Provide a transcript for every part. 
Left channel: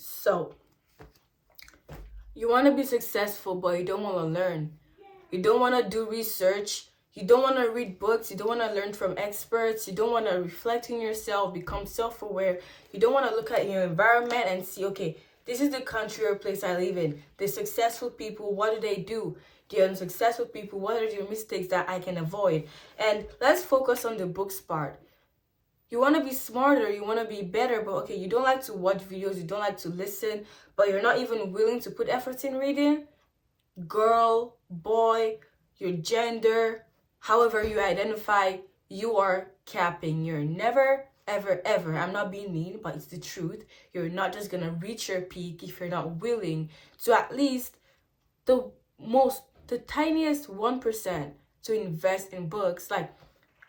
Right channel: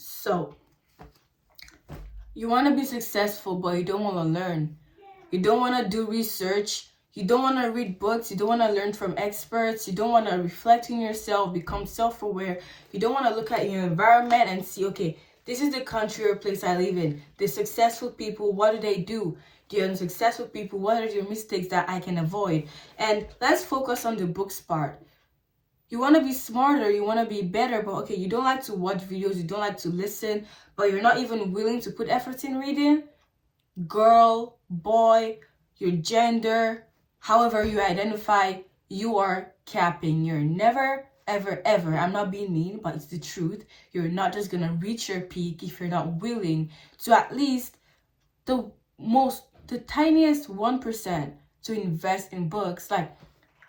So, you want to be successful, but you don't want to learn. You don't want to do research. You don't want to read books. You don't want to learn from experts. You don't want to reflect on yourself, become self-aware. You don't want to look at your environment and see, okay, this is the country or place I live in. The successful people, what do they do? The unsuccessful people, what are their mistakes that I can avoid? And let's focus on the books part. You want to be smarter, you want to be better, but okay, you don't like to watch videos, you don't like to listen, but you're not even willing to put effort in reading. Girl, boy, your gender, however you identify, you are capping. You're never, ever, ever, I'm not being mean, but it's the truth. You're not just gonna reach your peak if you're not willing to at least the tiniest 1% to invest in books. Like,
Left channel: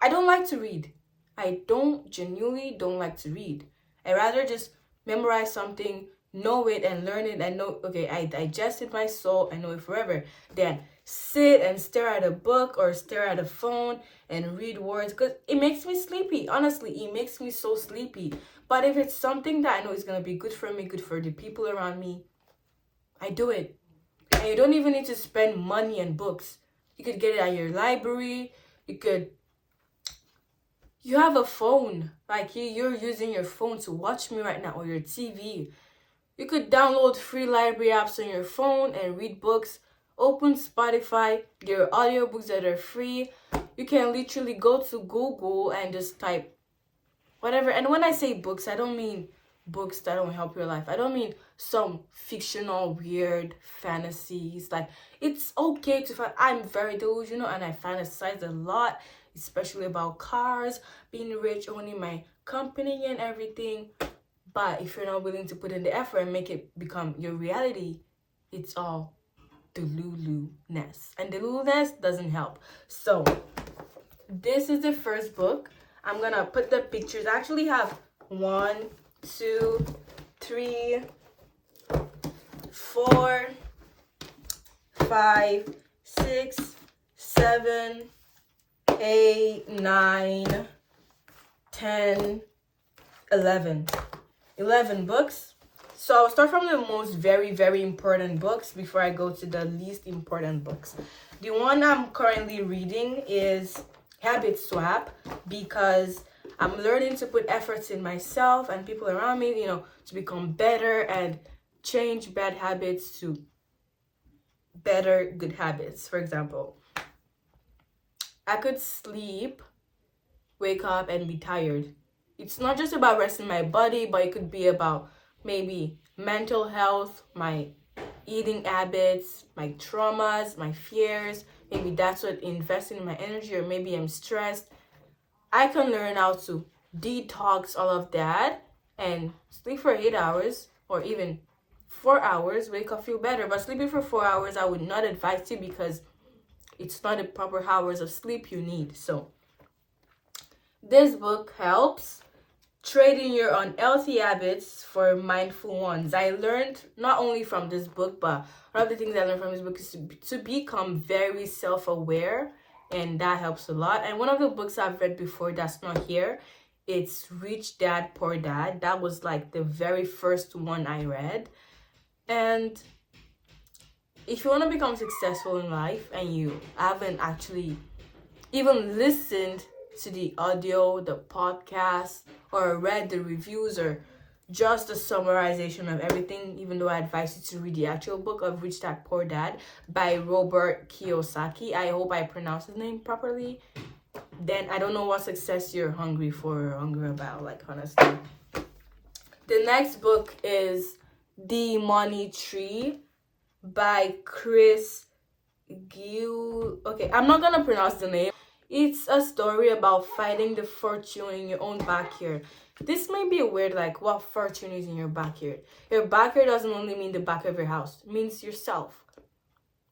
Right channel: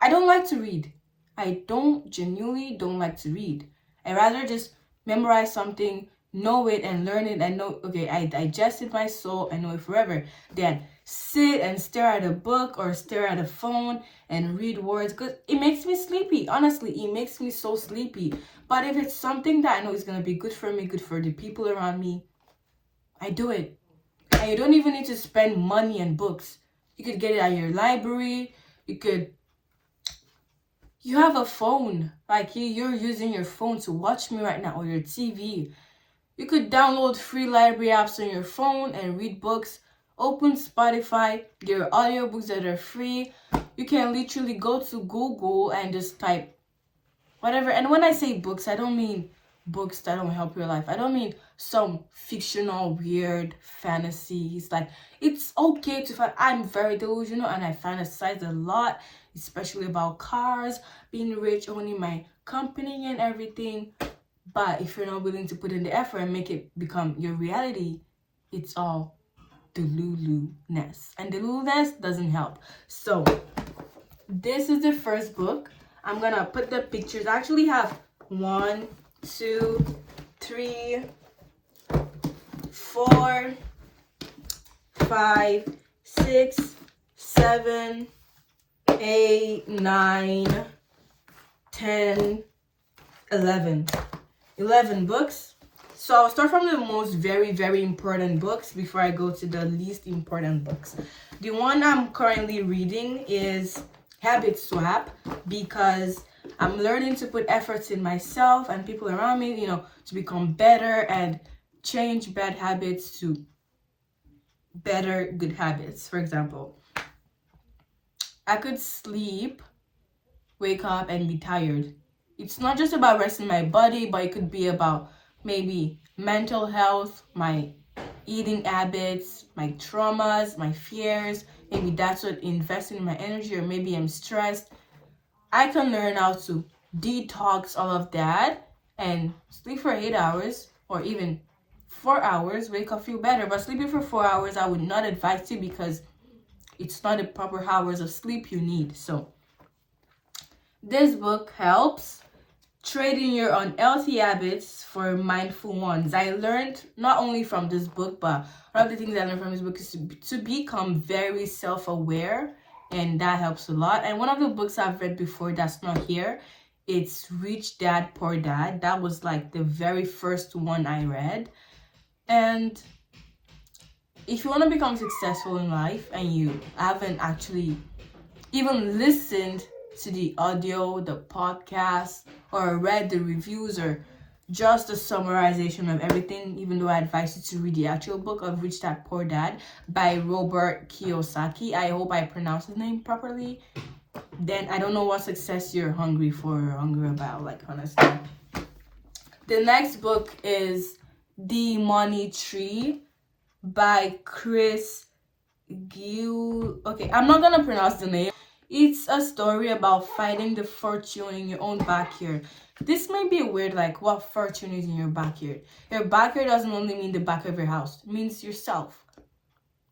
I don't like to read. I genuinely don't like to read. I rather just memorize something, know it and learn it and know, okay, I digest it my soul, I know it forever, than sit and stare at a book or stare at a phone and read words, because it makes me sleepy. Honestly, it makes me so sleepy. But if it's something that I know is going to be good for me, good for the people around me, I do it. And you don't even need to spend money on books. You could get it at your library. You have a phone, like you're using your phone to watch me right now, or your TV. You could download free library apps on your phone and read books. Open Spotify, there are audiobooks that are free. You can literally go to Google and just type whatever. And when I say books, I don't mean books that don't help your life. I don't mean some fictional, weird fantasies. Like, it's okay to find, I'm very delusional and I fantasize a lot, especially about cars, being rich, owning my company and everything. But if you're not willing to put in the effort and make it become your reality, it's all delulu-ness. And delulu-ness doesn't help. So, this is the first book. I'm gonna put the pictures. I actually have 1, 2, 3, 4, 5, 6, 7, 8, 9, 10, 11 books. So I'll start from the most very, very important books before I go to the least important books. The one I'm currently reading is Habit Swap, because I'm learning to put efforts in myself and people around me, to become better and change bad habits to better good habits. For example, I could sleep, wake up, and be tired. It's not just about resting my body, but it could be about maybe mental health, my eating habits, my traumas, my fears. Maybe that's what investing in my energy, or maybe I'm stressed. I can learn how to detox all of that and sleep for 8 hours or even 4 hours, wake up, feel better. But sleeping for 4 hours, I would not advise you, because it's not the proper hours of sleep you need. So this book helps trading your unhealthy habits for mindful ones. I learned not only from this book, but one of the things I learned from this book is to become very self-aware, and that helps a lot. And one of the books I've read before that's not here, it's Rich Dad, Poor Dad. That was like the very first one I read. And if you want to become successful in life and you haven't actually even listened to the audio, the podcast, or read the reviews, or just a summarization of everything, even though I advise you to read the actual book of Rich Dad Poor Dad by Robert Kiyosaki. I hope I pronounced his name properly. Then I don't know what success you're hungry for or hungry about, like, honestly. The next book is The Money Tree by Chris Gill. Okay, I'm not gonna pronounce the name. It's a story about finding the fortune in your own backyard. This may be weird, like, what fortune is in your backyard? Your backyard doesn't only mean the back of your house. It means yourself.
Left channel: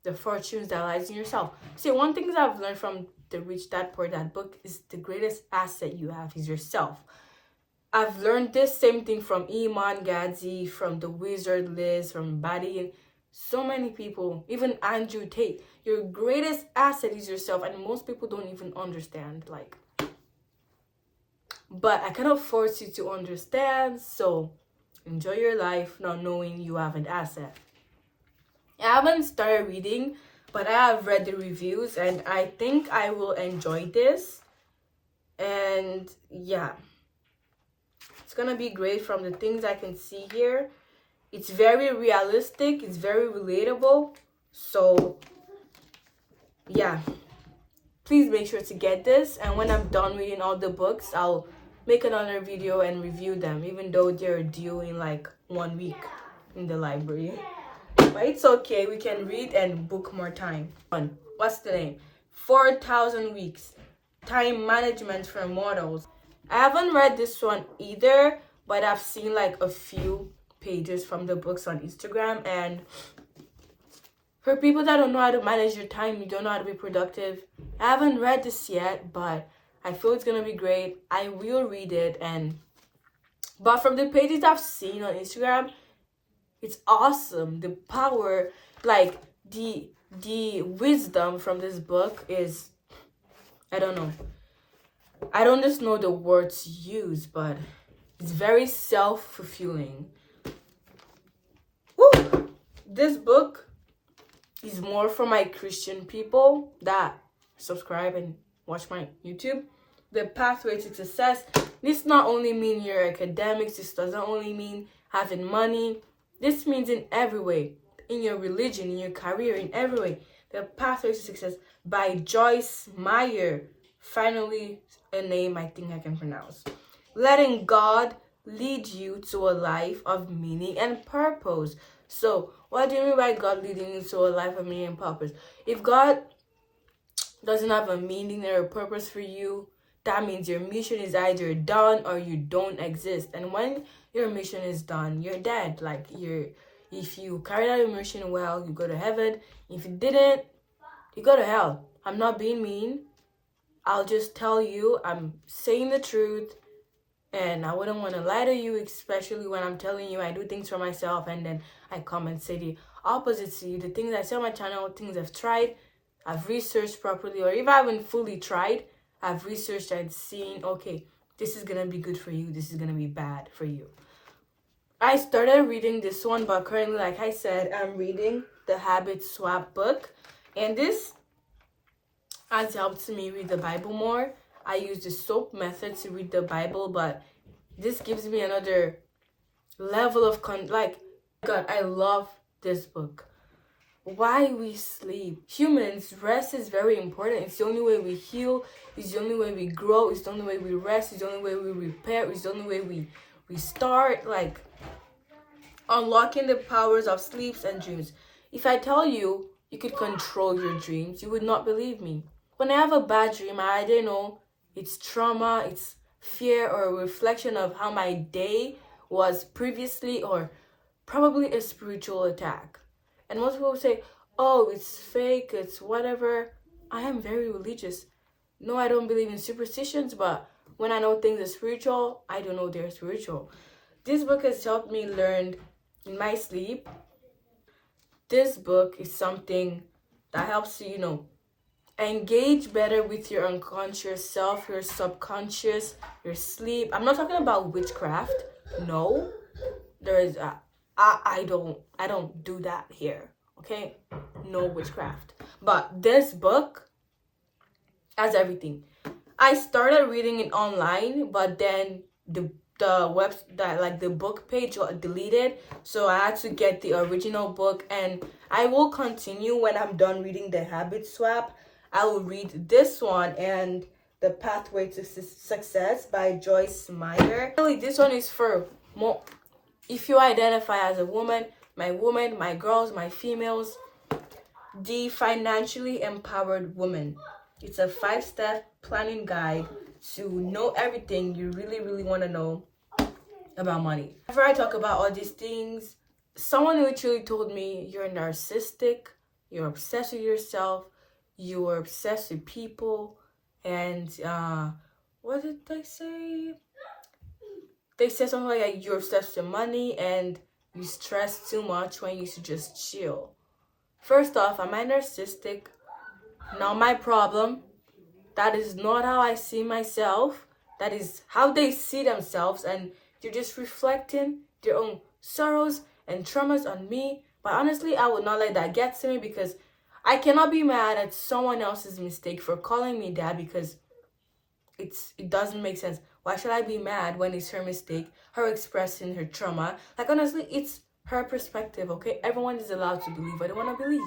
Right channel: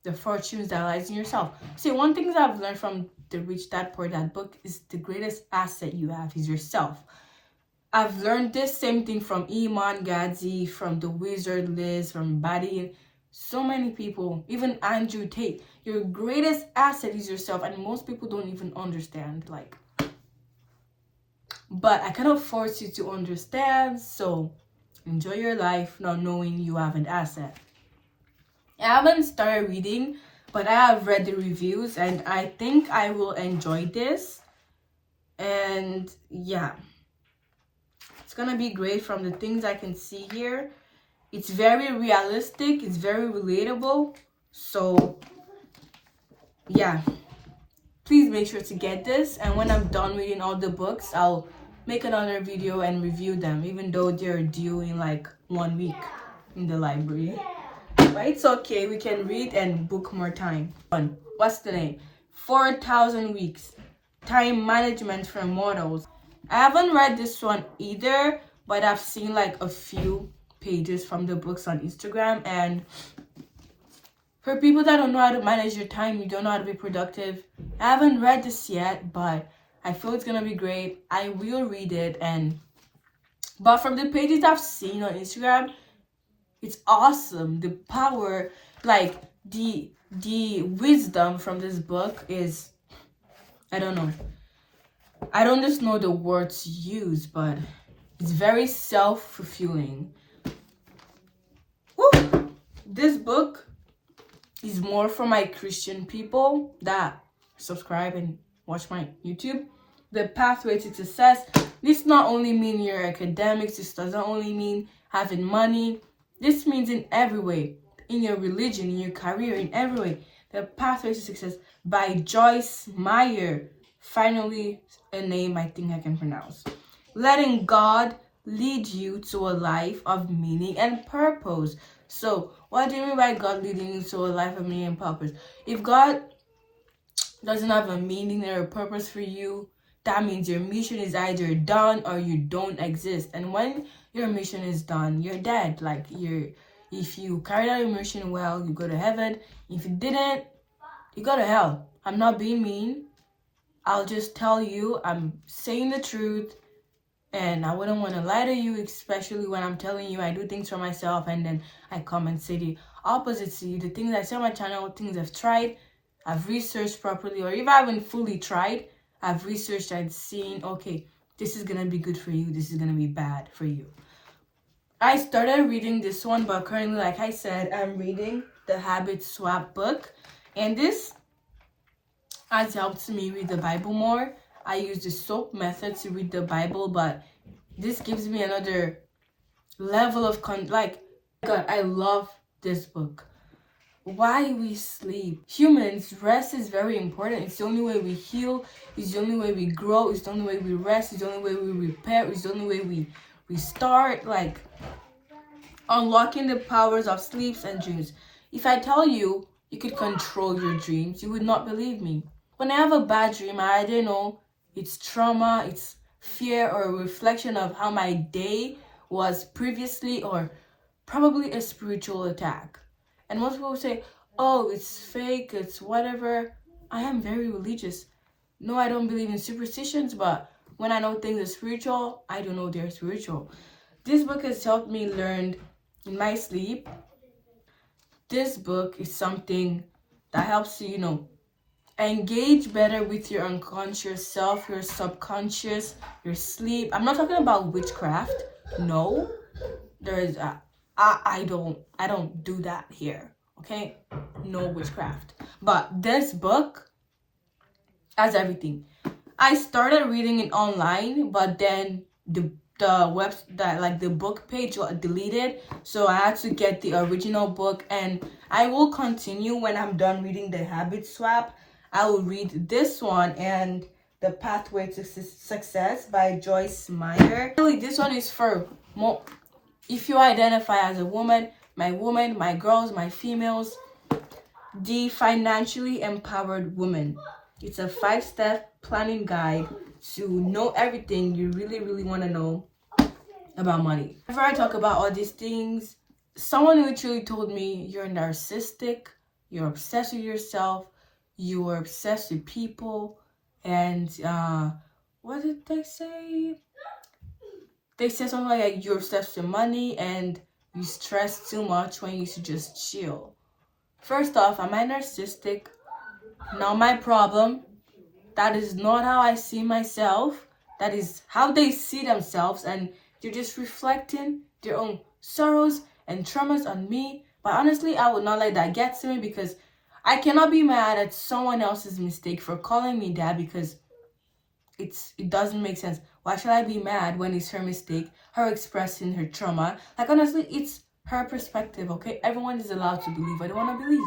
The fortunes that lies in yourself. See, one thing that I've learned from the Rich Dad Poor Dad book is the greatest asset you have is yourself. I've learned this same thing from Iman Gadzi, from the Wizard Liz, from Buddy, and so many people, even Andrew Tate. Your greatest asset is yourself, and most people don't even understand, but I cannot force you to understand. So enjoy your life not knowing you have an asset. I haven't started reading, but I have read the reviews and I think I will enjoy this. And yeah, it's gonna be great from the things I can see here. It's very realistic, it's very relatable. So yeah, please make sure to get this. And when I'm done reading all the books, I'll make another video and review them, even though they're due in like 1 week in the library. But it's okay, we can read and book more time. What's the name? 4,000 Weeks, Time Management for Mortals. I haven't read this one either, but I've seen like a few pages from the books on Instagram. And for people that don't know how to manage your time, you don't know how to be productive, I haven't read this yet, but I feel it's gonna be great. I will read it. But from the pages I've seen on Instagram, it's awesome. The power, like the wisdom from this book is, I don't know. I don't just know the words used, but it's very self-fulfilling. This book is more for my Christian people that subscribe and watch my YouTube. The Pathway to Success. This not only mean your academics. This doesn't only mean having money. This means in every way. In your religion, in your career, in every way. The Pathway to Success by Joyce Meyer. Finally, a name I think I can pronounce. Letting God lead you to a life of meaning and purpose. So, what do you mean by God leading you to a life of meaning and purpose? If God doesn't have a meaning or a purpose for you, that means your mission is either done or you don't exist. And when your mission is done, you're dead. Like, if you carried out your mission well, you go to heaven. If you didn't, you go to hell. I'm not being mean. I'll just tell you, I'm saying the truth. And I wouldn't want to lie to you, especially when I'm telling you I do things for myself and then I come and say the opposite to you. The things I say on my channel, things I've tried, I've researched properly, or if I haven't fully tried, I've researched and seen, okay, this is going to be good for you, this is going to be bad for you. I started reading this one, but currently, like I said, I'm reading the Habit Swap book. And this has helped me read the Bible more. I use the SOAP method to read the Bible, but this gives me another level of God, I love this book. Why we sleep. Humans, rest is very important. It's the only way we heal. It's the only way we grow. It's the only way we rest. It's the only way we repair. It's the only way we start, like, unlocking the powers of sleeps and dreams. If I tell you you could control your dreams, you would not believe me. When I have a bad dream, I either know it's trauma, it's fear, or a reflection of how my day was previously, or probably a spiritual attack. And most people say, oh, it's fake, it's whatever. I am very religious. No, I don't believe in superstitions, but when I know things are spiritual, I don't know they're spiritual. This book has helped me learn in my sleep. This book is something that helps you, engage better with your unconscious self, your subconscious, your sleep. I'm not talking about witchcraft. No, there's I don't do that here. Okay, no witchcraft. But this book has everything. I started reading it online, but then the book page got deleted, so I had to get the original book. And I will continue when I'm done reading the Habit Swap. I will read this one and the Pathway to Success by Joyce Meyer. Really, this one is for more if you identify as a woman, my girls, my females. The Financially Empowered Woman. It's a 5-step planning guide to know everything you really want to know about money. Before I talk about all these things, someone literally told me you're narcissistic, you're obsessed with yourself, you are obsessed with people, and what did they say? They said something like you're obsessed with money and you stress too much when you should just chill. First off, am I narcissistic? Not my problem. That is not how I see myself. That is how they see themselves, and you're just reflecting their own sorrows and traumas on me. But honestly, I would not let that get to me, because I cannot be mad at someone else's mistake for calling me that, because it doesn't make sense. Why should I be mad when it's her mistake, her expressing her trauma? Like, honestly, it's her perspective, okay? Everyone is allowed to believe what they want to believe.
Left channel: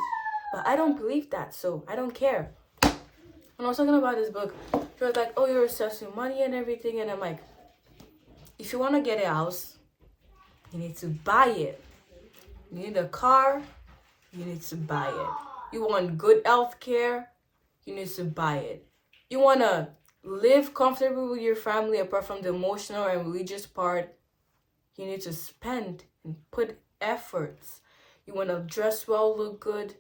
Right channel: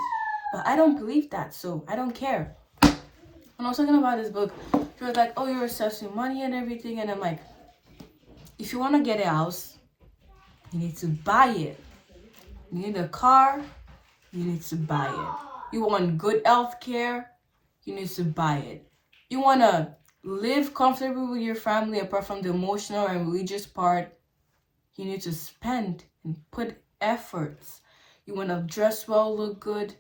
But I don't believe that, so I don't care. When I was talking about this book, she was like, oh, you're obsessed with money and everything. And I'm like, if you want to get a house, you need to buy it. You need a car, you need to buy it. You want good health care, you need to buy it. You want to live comfortably with your family, apart from the emotional and religious part, you need to spend and put efforts. You want to dress well, look good,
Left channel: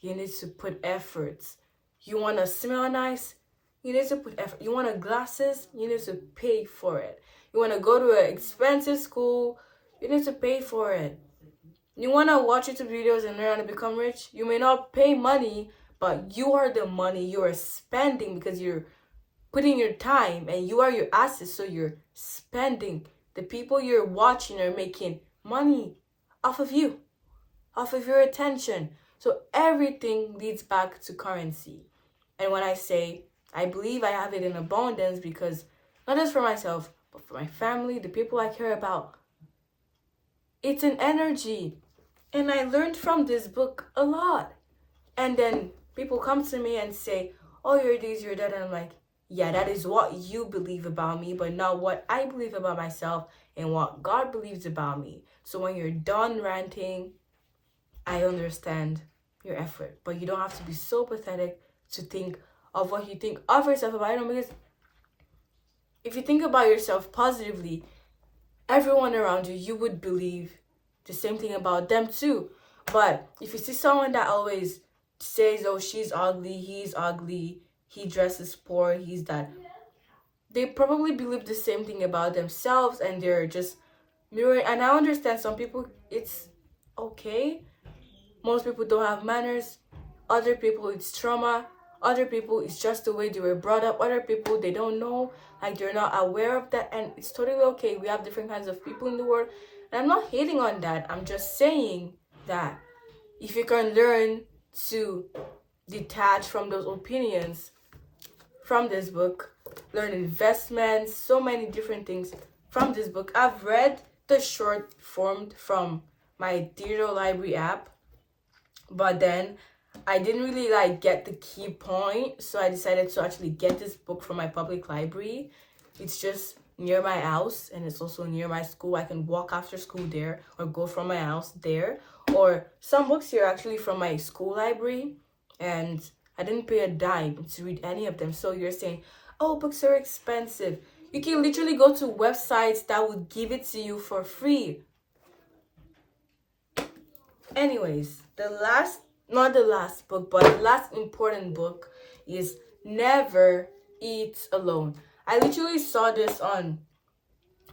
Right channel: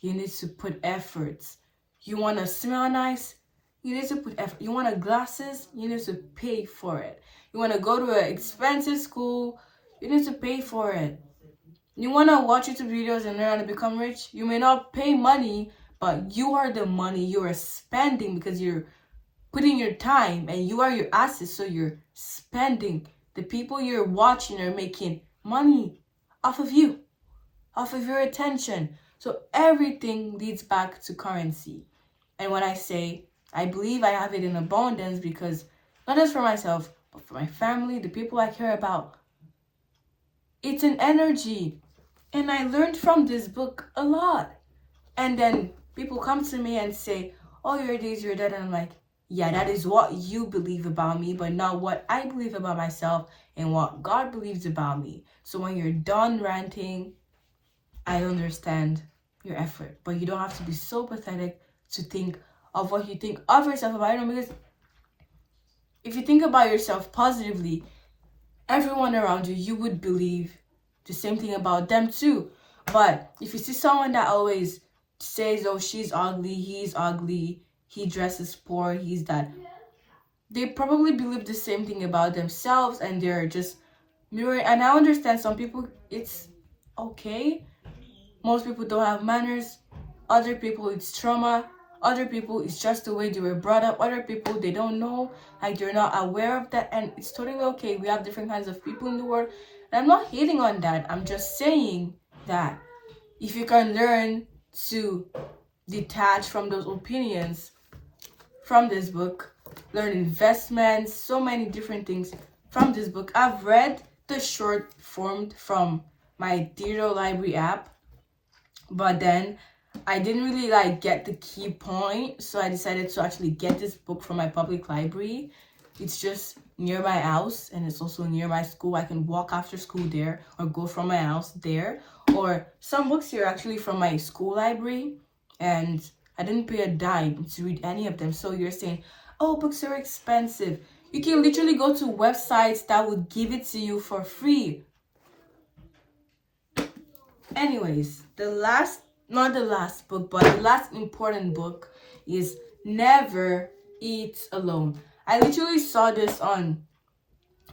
you need to put efforts. You want to smell nice, you need to put effort. You want glasses, you need to pay for it. You want to go to an expensive school, you need to pay for it. You want to watch YouTube videos and learn how to become rich, you may not pay money, but you are the money you are spending, because you're putting your time and you are your assets, so you're spending. The people you're watching are making money off of you, off of your attention. So everything leads back to currency. And when I say I believe I have it in abundance, because not just for myself, but for my family, the people I care about, it's an energy. And I learned from this book a lot. And then people come to me and say, oh, you're this, you're that. And I'm like, yeah, that is what you believe about me, but not what I believe about myself and what God believes about me. So when you're done ranting, I understand your effort. But you don't have to be so pathetic to think of what you think of yourself about it. Because if you think about yourself positively, everyone around you, you would believe the same thing about them too. But if you see someone that always says, oh, she's ugly, he's ugly, he dresses poor, he's that, they probably believe the same thing about themselves, and they're just mirroring. And I understand some people, it's okay. Most people don't have manners. Other people, it's trauma. Other people, it's just the way they were brought up. Other people, they don't know, like they're not aware of that, and it's totally okay. We have different kinds of people in the world, and I'm not hating on that. I'm just saying that if you can learn to detach from those opinions from this book, learn investments, so many different things from this book. I've read the short form from my digital library app, but then I didn't really get the key point, so I decided to actually get this book from my public library. It's just near my house, and it's also near my school. I can walk after school there, or go from my house there. Or some books here are actually from my school library, and I didn't pay a dime to read any of them. So you're saying, oh, books are expensive. You can literally go to websites that would give it to you for free. Anyways, not the last book, but the last important book is Never Eat Alone. I literally saw this on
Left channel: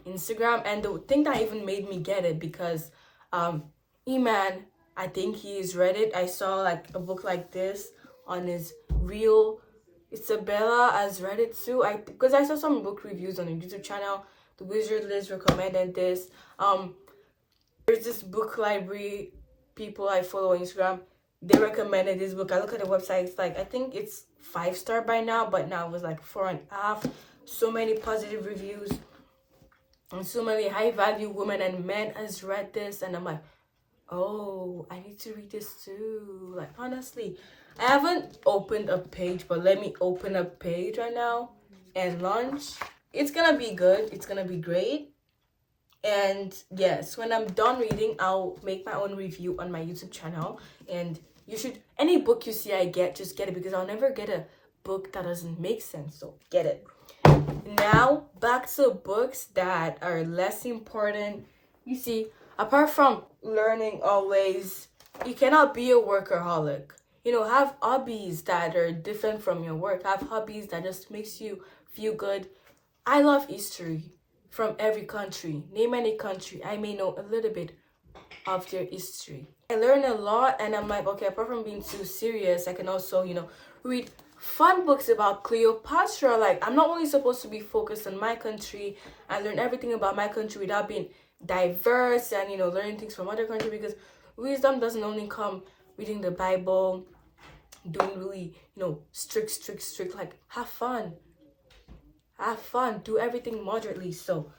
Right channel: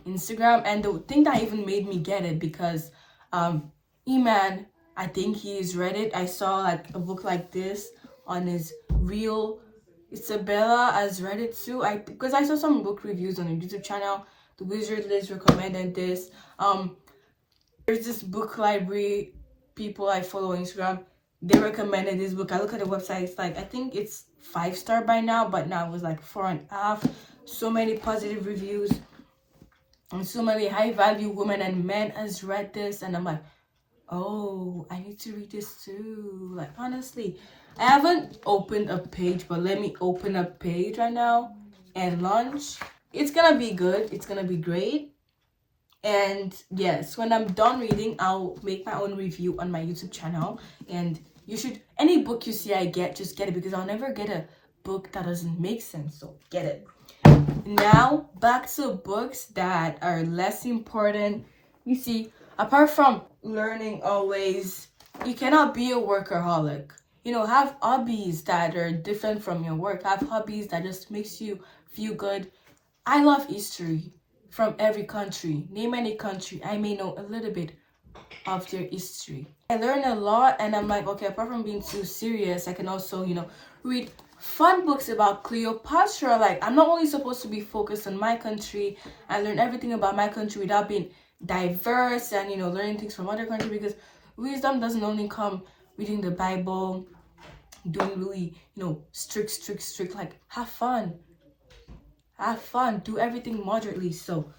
Instagram, and the thing that even made me get it, because Eman, I think he's read it. I saw a book like this on his reel. Isabella has read it too. Because I saw some book reviews on a YouTube channel. The Wizard List recommended this. There's this book library people I follow on Instagram. They recommended this book. I look at the website. It's I think it's 5-star by now, but now it was 4.5. So many positive reviews, and so many high value women and men has read this, and I'm like, oh, I need to read this too. Honestly, I haven't opened a page, but let me open a page right now and launch. It's gonna be good. It's gonna be great. And yes, when I'm done reading, I'll make my own review on my YouTube channel. And you should, any book you see I get, just get it, because I'll never get a book that doesn't make sense. So get it. Now back to books that are less important. You see, apart from learning always, you cannot be a workaholic. Have hobbies that are different from your work. Have hobbies that just makes you feel good. I love history from every country. Name any country, I may know a little bit of their history. I learn a lot, and I'm like, okay, apart from being too serious, I can also, read fun books about Cleopatra. I'm not only supposed to be focused on my country and learn everything about my country without being diverse and, you know, learning things from other countries, because wisdom doesn't only come reading the Bible, doing really, you know, strict. Like, have fun, do everything moderately. So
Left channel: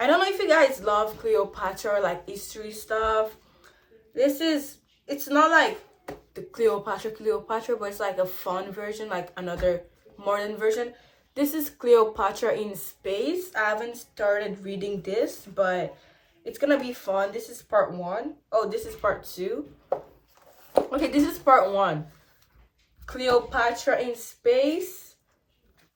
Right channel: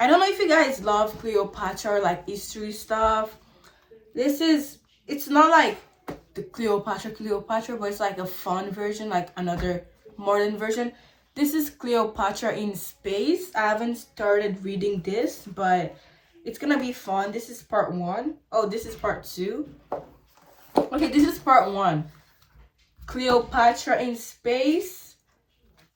I don't know if you guys love Cleopatra or like history stuff. It's not like the Cleopatra, but it's like a fun version, like another modern version. This is Cleopatra in Space. I haven't started reading this, but it's gonna be fun. This is part 1. Oh, this is part 2. Okay, this is part 1. Cleopatra in Space.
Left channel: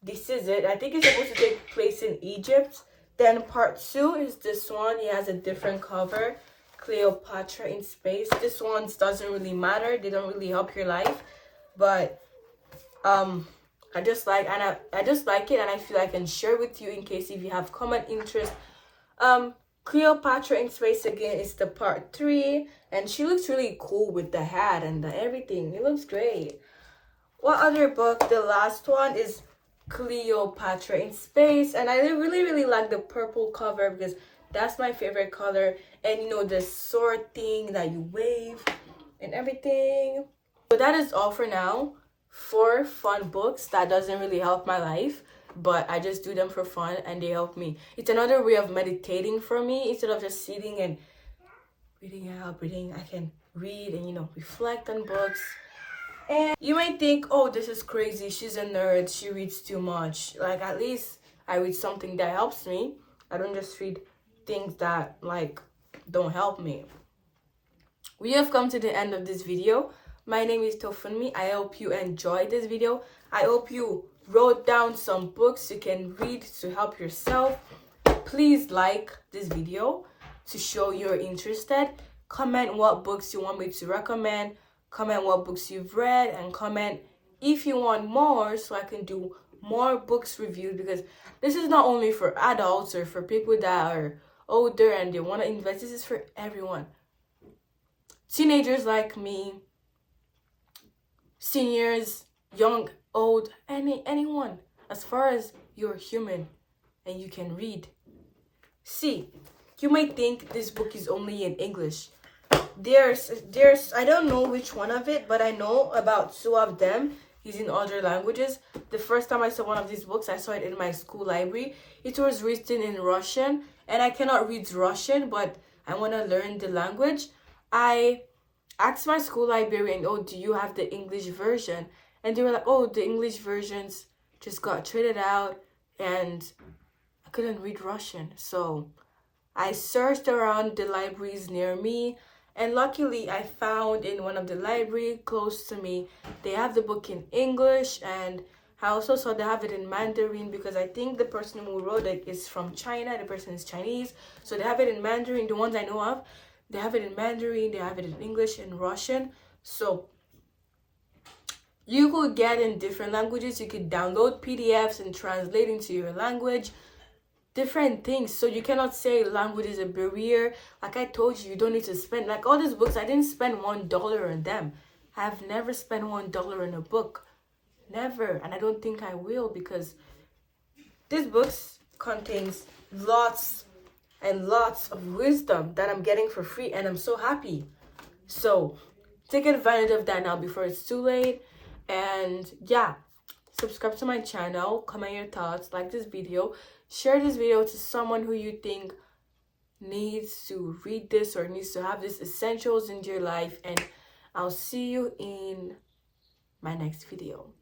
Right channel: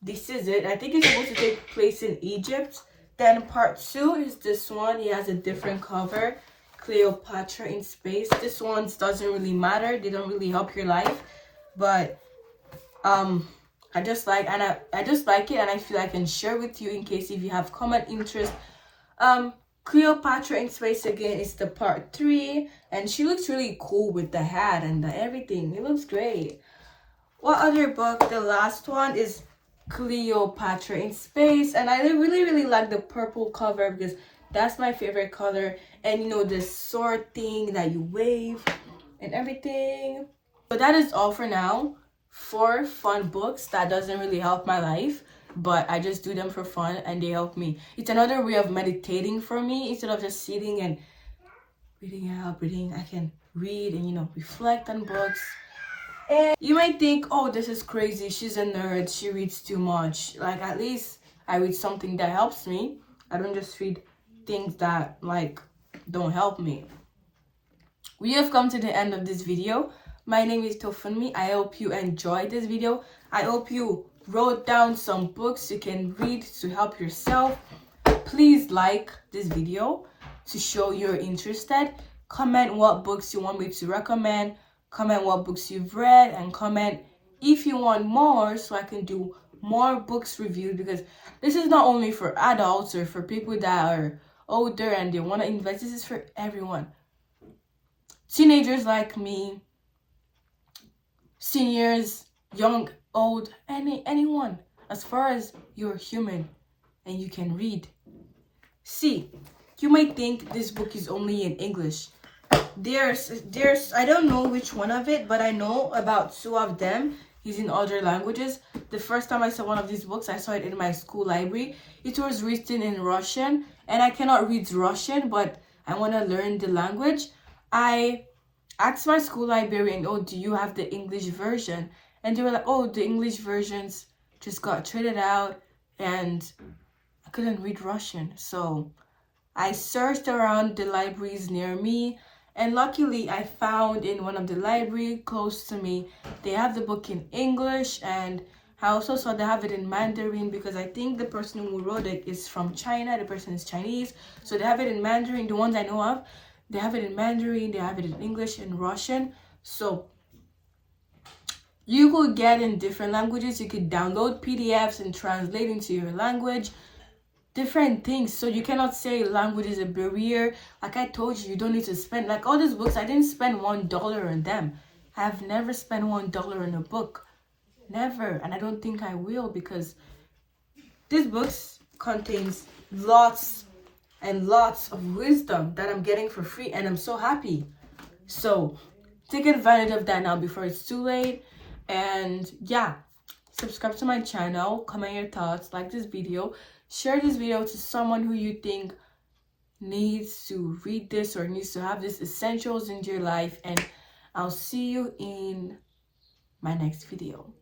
This is it. I think it's supposed to take place in Egypt. Then part 2 is this one. It has a different cover. Cleopatra in Space. This one doesn't really matter. They don't really help your life. But I just like it, and I feel I can share with you in case if you have common interest. Cleopatra in Space again is the part 3, and she looks really cool with the hat and the everything. It looks great. What other book? The last one is Cleopatra in Space, and I really like the purple cover because that's my favorite color. And you know, the sword thing that you wave and everything. But that is all for now. 4 fun books that doesn't really help my life, but I just do them for fun and they help me. It's another way of meditating for me. Instead of just sitting and reading, I can read and, you know, reflect on books. And you might think, oh, this is crazy, she's a nerd, she reads too much. Like, at least I read something that helps me. I don't just read things that like don't help me. We have come to the end of this video. My name is Tofunmi. I hope you enjoyed this video. I hope you wrote down some books you can read to help yourself. Please like this video to show you're interested. Comment what books you want me to recommend. Comment what books you've read, and comment if you want more so I can do more books reviews, because this is not only for adults or for people that are older and they want to invest. This is for everyone. Teenagers like me, seniors, young, old, anyone, as far as you're human and you can read. See, you might think this book is only in English. There's I don't know which one of it, but I know about 2 of them is in other languages. The first time I saw one of these books, I saw it in my school library. It was written in Russian, and I cannot read Russian, but I want to learn the language. I asked my school librarian, oh, do you have the English version? And they were like, oh, the English versions just got traded out, and I couldn't read Russian. So I searched around the libraries near me, and luckily I found in one of the libraries close to me, they have the book in English, and I also saw they have it in Mandarin, because I think the person who wrote it is from China. The person is Chinese, so they have it in Mandarin. The ones I know of, they have it in Mandarin, they have it in English and Russian. So you could get in different languages. You could download PDFs and translate into your language. Different things. So you cannot say language is a barrier. Like I told you, you don't need to spend, like all these books, I didn't spend $1 on them. I've never spent $1 on a book. Never. And I don't think I will, because these books contains lots and lots of wisdom that I'm getting for free, and I'm so happy. So take advantage of that now before it's too late. And yeah, subscribe to my channel, comment your thoughts, like this video, share this video to someone who you think needs to read this or needs to have these essentials in your life. And I'll see you in my next video.